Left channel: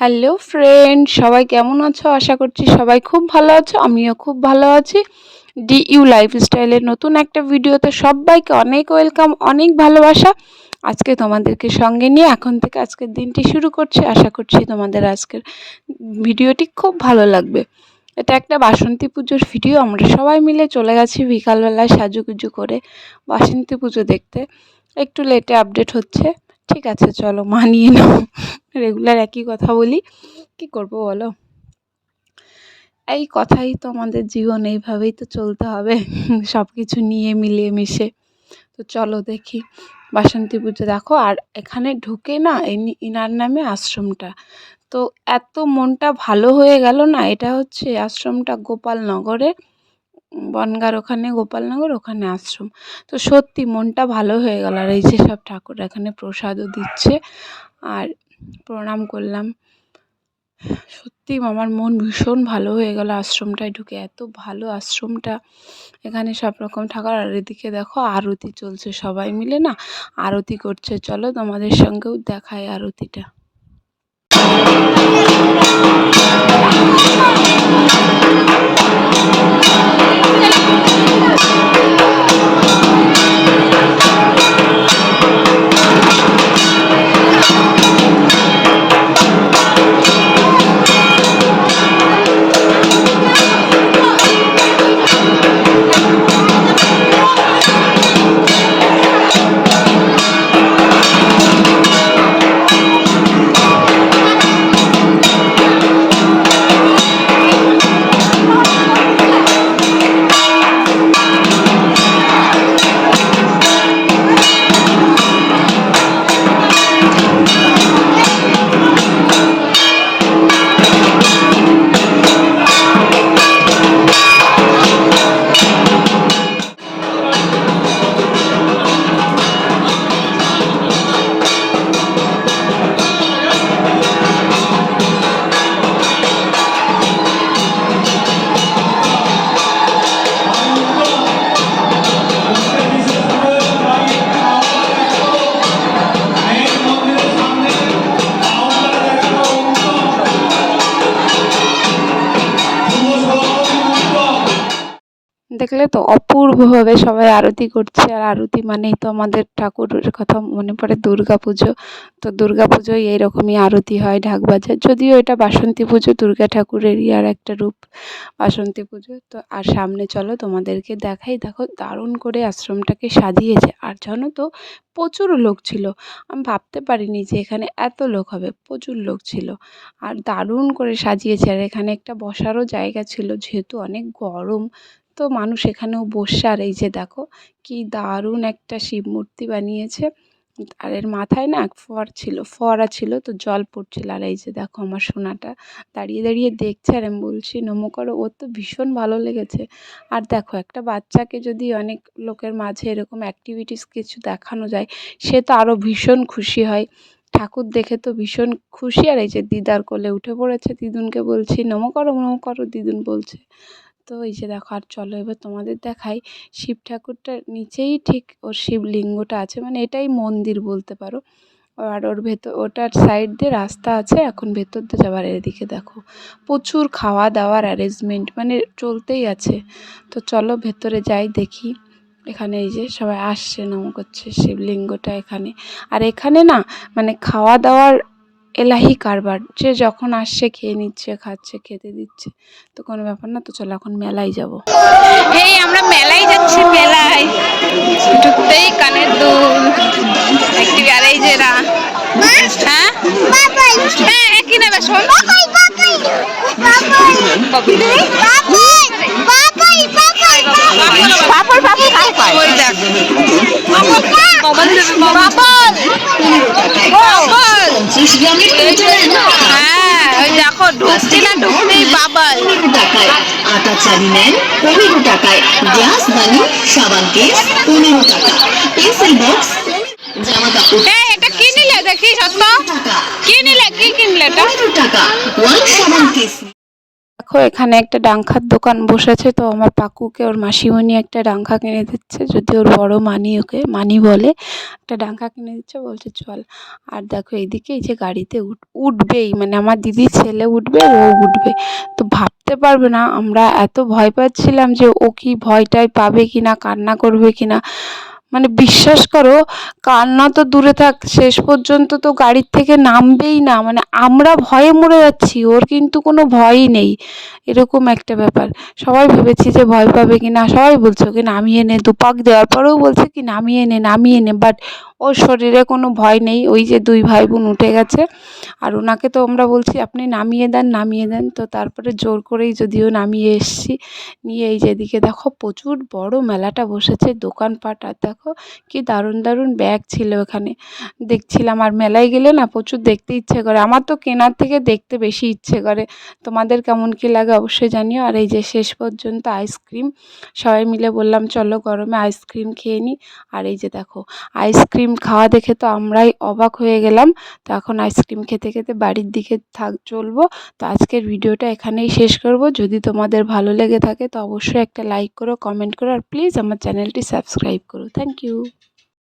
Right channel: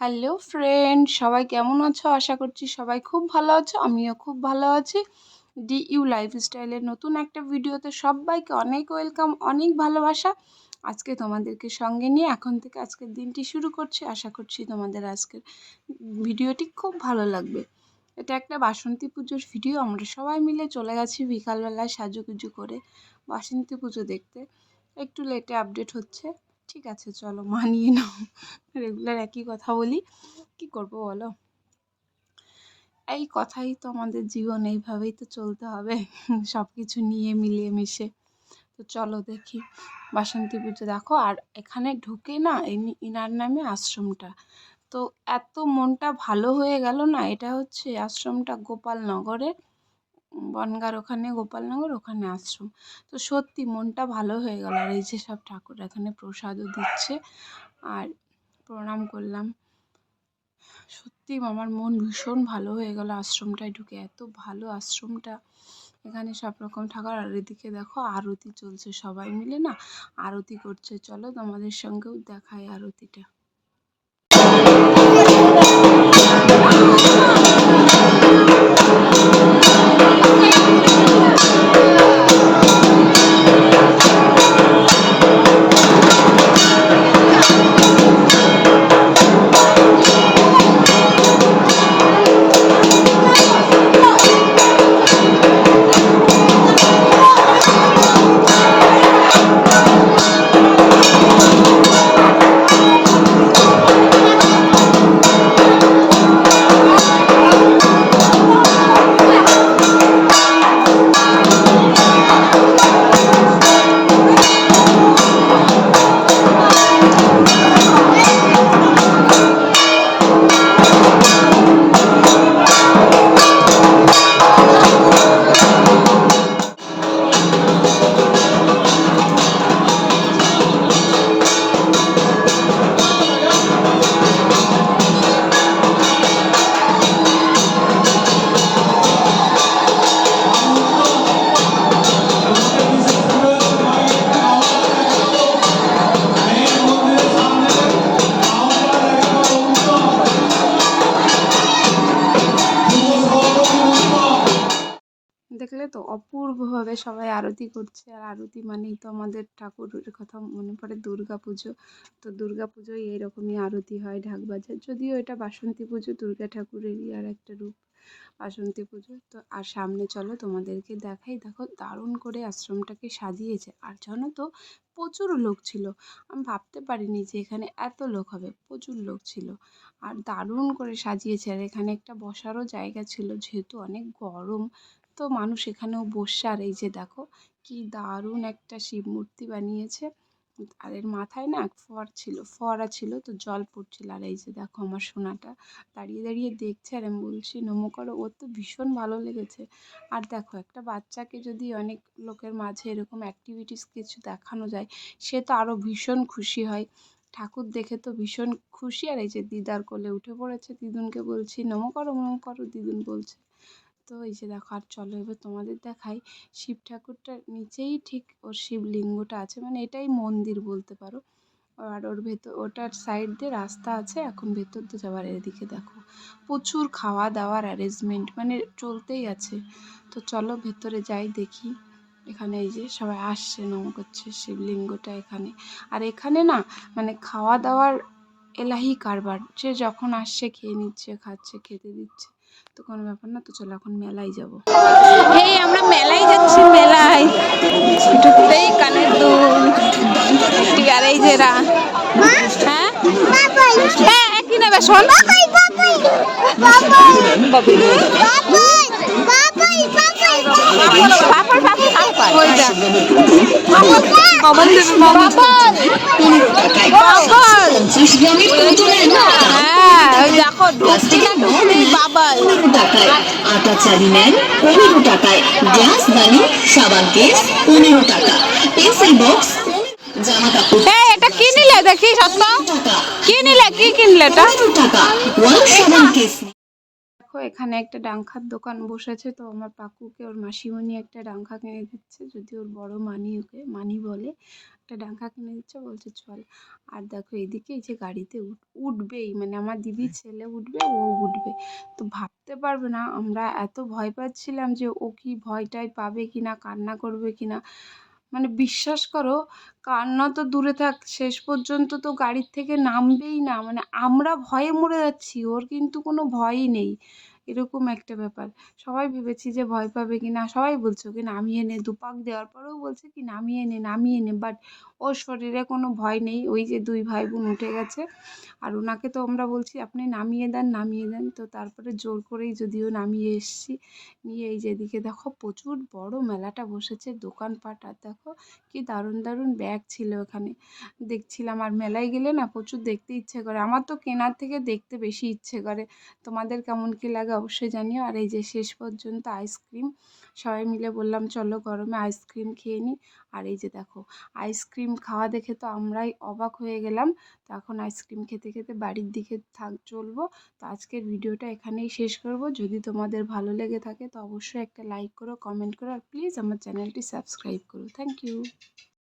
Hello friend, সবাই কেমন আছো? আশা করছি সবাই খুব ভালো আছো। আমিও খুব ভালো আছি। ডিইউ লাইফস্টাইলের নতুন একটা ভিডিওতে সবাইকে অনেক ওয়েলকাম, অনেক ভালোবাসা। আজকে তোমাদেরকে সঙ্গে নিয়ে এখন থেকে আজকের দিনটি শুরু করছি। আশা করছি তোমাদের আজকের ভিডিওটি খুব ভালো লাগবে। এটা একটা বাসন্তী পুজোর ভিডিও। আমরা সবাই মিলে চলে গেছি বিকালবেলায় সাজুগুজু করে বাসন্তী পুজো দেখতে। একটু লেটে আপডেট হচ্ছে, ঠিক আছে, চলো মানিয়ে নাও। রেগুলার একই কথা বলি, কি করব বলো? এই কথাই তো আমাদের জীবন, এইভাবেই তো চলতে হবে সব কিছু নিয়ে মিলিয়ে মিশে। তো চলো দেখি বাসন্তী পুজো। দেখো, আর এখানে ঢুকে না ইনার নামে আশ্রমটা, তো এত মনটা ভালো হয়ে গেল না। এটা হচ্ছে আশ্রমটা গোপালনগরে, বনগাঁর ওখানে গোপালনগর, ওখানে আশ্রম। তো সত্যি মনটা ভালো হয়ে গেল। আর এই যে সব ঠাকুর এখানে প্রসাদও দিচ্ছে, আর প্রণাম করলাম। সত্যি আমার মন ভীষণ ভালো হয়ে গেল আশ্রমটায় ঢুকে। এত ভালো আশ্রমটা, এখানে সব রকম ঠাকুর। আর এদিকে দেখো আরতি চলছে, সবাই মিলে না আরতি করছে। চলো তোমাদের সঙ্গেও দেখায় আরতিটা। দেখলে তো অপূর্বভাবে সবাই আরতি করছে। আর আরতি মানেই তো আমাদের ঠাকুরের কথা মনে পড়ে, দুর্গা পুজো। তো দুর্গা পুজোয় এইরকমই আরতি হয়, ঢাক বাজে। যদিও এটা বাসন্তী পুজো, দুর্গা ঠাকুরেরই আর একটা রূপ বাসন্তী পুজো। তো আর সামনে চলো তোমাদেরকে দেখাই। দেখো দারুণ করে আশ্রমটাকে সাজিয়েছে। আর জানো তো, প্রচুর লোক ছিল। আমি ভাবতে পারিনি যে এখানে এত লোক হবে। প্রচুর লোক ছিল, আর দারুণ করে সাজিয়েছে। আর এখানে একটা বসারও জায়গা ছিল, যেহেতু অনেক গরম, তো মানুষ এখানেও বসছে। আর এই যে দেখো কি দারুণ একটা শিব মূর্তি বানিয়েছে। আর এর মাথায় না ফোয়ারা ছিল, তো জল পড়ছিল। আর এই যে দেখো আমার সোনাটা দাঁড়িয়ে দাঁড়িয়ে দেখছে, আর আমি বলছি নমো করো। ওর তো ভীষণ ভালো লেগেছে। আর দেখো, একটা বাচ্চাকে যদি অনেক লোকের মাঝে এরকম অ্যাক্টিভিটিস কিছু দেখানো যায়, সে তো আরও ভীষণ খুশি হয়। ঠাকুর দেখে তো ভীষণ খুশি। আর এই যে দিদার কোলে উঠে পড়েছে, দিদুনকে বলছি নমো করো, দিদুন বলছে। তো এই যে দেখো, আর চলো এবার তোমাদের দেখাই শিব ঠাকুরটার নিচেই ঠিক ওর শিবলিঙ্গটা আছে, মানে এটাই মন্দির বলতে পারো। আর ওর ভেতর, ওটার সাইড দিয়ে রাস্তা আছে এখন ভেতর দিয়ে যাবার। এদিকে দেখো প্রচুর খাওয়া দাওয়ার অ্যারেঞ্জমেন্ট, মানে চলতেই আছে। তো চলো ভেতরে যাই, দেখি। এখানে এই যে সবাই আসছে, নম করছে শিবলিঙ্গটা এখানে। আর এখানে না মানে খাওয়া দাওয়ার এলাহি কারবার, যে যখন আসছে খেয়ে নিচ্ছে, খাচ্ছে, খেতে দিচ্ছে, তো কোনো ব্যাপার না। তো চলো এখন মেলায় যাব। এই আমরা মেলায় যাচ্ছি। মেলায় ঢুকতেই কানের দুল একটি। আর এই যে হ্যাঁ হ্যাঁ কি নেবে শোন। ওই দেখ হ্যাঁ, ওই দেখো ঢুকছি না, ঢুকতেই বাবাল। আটা চালি নেন 15 টাকায়, গ্লাস বালি সাবান কেস 15 টাকা, পেন্সিল বক্স, জামা কাপড়। এটা কি নিলে দেখি সত্য, কি নিলে, কি কিনলে এটা? 15 টাকা, ওয়ান সাবান কেস। দেখো এখানে একটা ডাংখার দোকান বসেছে, তো আমার পাকুকে ওর মাসিমণি একটা ডাংখা কিনে দিচ্ছে, যদি ওর বড় মানি ওকে মানি বলে, একটা ডাংখা কিনে দিচ্ছে, বলছে চল। আর দেখো এইদিকে এই যে গাড়িতে উঠবেই, মানে আমার দিদির ছেলে উঠবে, ও উঠবে, তো ভাবতে পারবে না আমরা এত ভয় পাচ্ছিলাম যে ও কি ভয়টায় পাবে কি না, কান্না করবে কি না। মানে বিশ্বাস করো, কান্না তো দূরে থাক, শেষ পর্যন্ত তো গাড়ির থেকে নামবেই না, মানে আমরা ভয়ে মরে যাচ্ছি, ওর কিন্তু কোনো ভয়ই নেই, এরকম একটা ব্যাপার। সবাই ভেবেছি যে ভয় পাবে কি না, সবাই বলছে ওকে নামিয়ে নে, দুপাক দেওয়ার পরেও বলছে কি নামিয়ে নে নামিয়ে নে, বাট ওর শরীরে কোনো ভয় নেই। ওই যে দুই ভাই বোন উঠে গেছে, আর ওনাকে তো আমরা বলছি আপনি নামিয়ে দেন নামিয়ে দেন, তো তারপরে জোর করেই যদিও নামিয়ে এসছি। নিয়ে এই যেদিকে দেখো প্রচুর বড় মেলাটা বসেছে, দোকানপাট, আর দেখো কি দারুণ দারুণ ব্যাগ ছিল এখানে, দেখছিলাম। আর মেলায় গেলে না প্রচুর দেখতে ইচ্ছে করে, আমার তো কেনার থেকে দেখতে বেশি ইচ্ছে করে। তোমাদের কেমন কী লাগে অবশ্যই জানিও। আর এই যে শেষ পর্যন্ত আইসক্রিম, সবাই মিলে বললাম চলো গরমে আইসক্রিম খেয়ে নিই। আর এই যে দেখো আইসক্রিম খাওয়া দেখে তো আমরাই অবাক হয়ে গেলাম। তো এখন আইসক্রিম খেতে খেতে বাড়ির দিকে চলবো। তো আজকের ভিডিওটা এখানেই শেষ করব। যদি তোমাদের ভালো লেগে থাকে তো অবশ্যই একটা লাইক করো, কমেন্ট করো, আর প্লিজ আমার চ্যানেলটি সাবস্ক্রাইব করো। Thank you.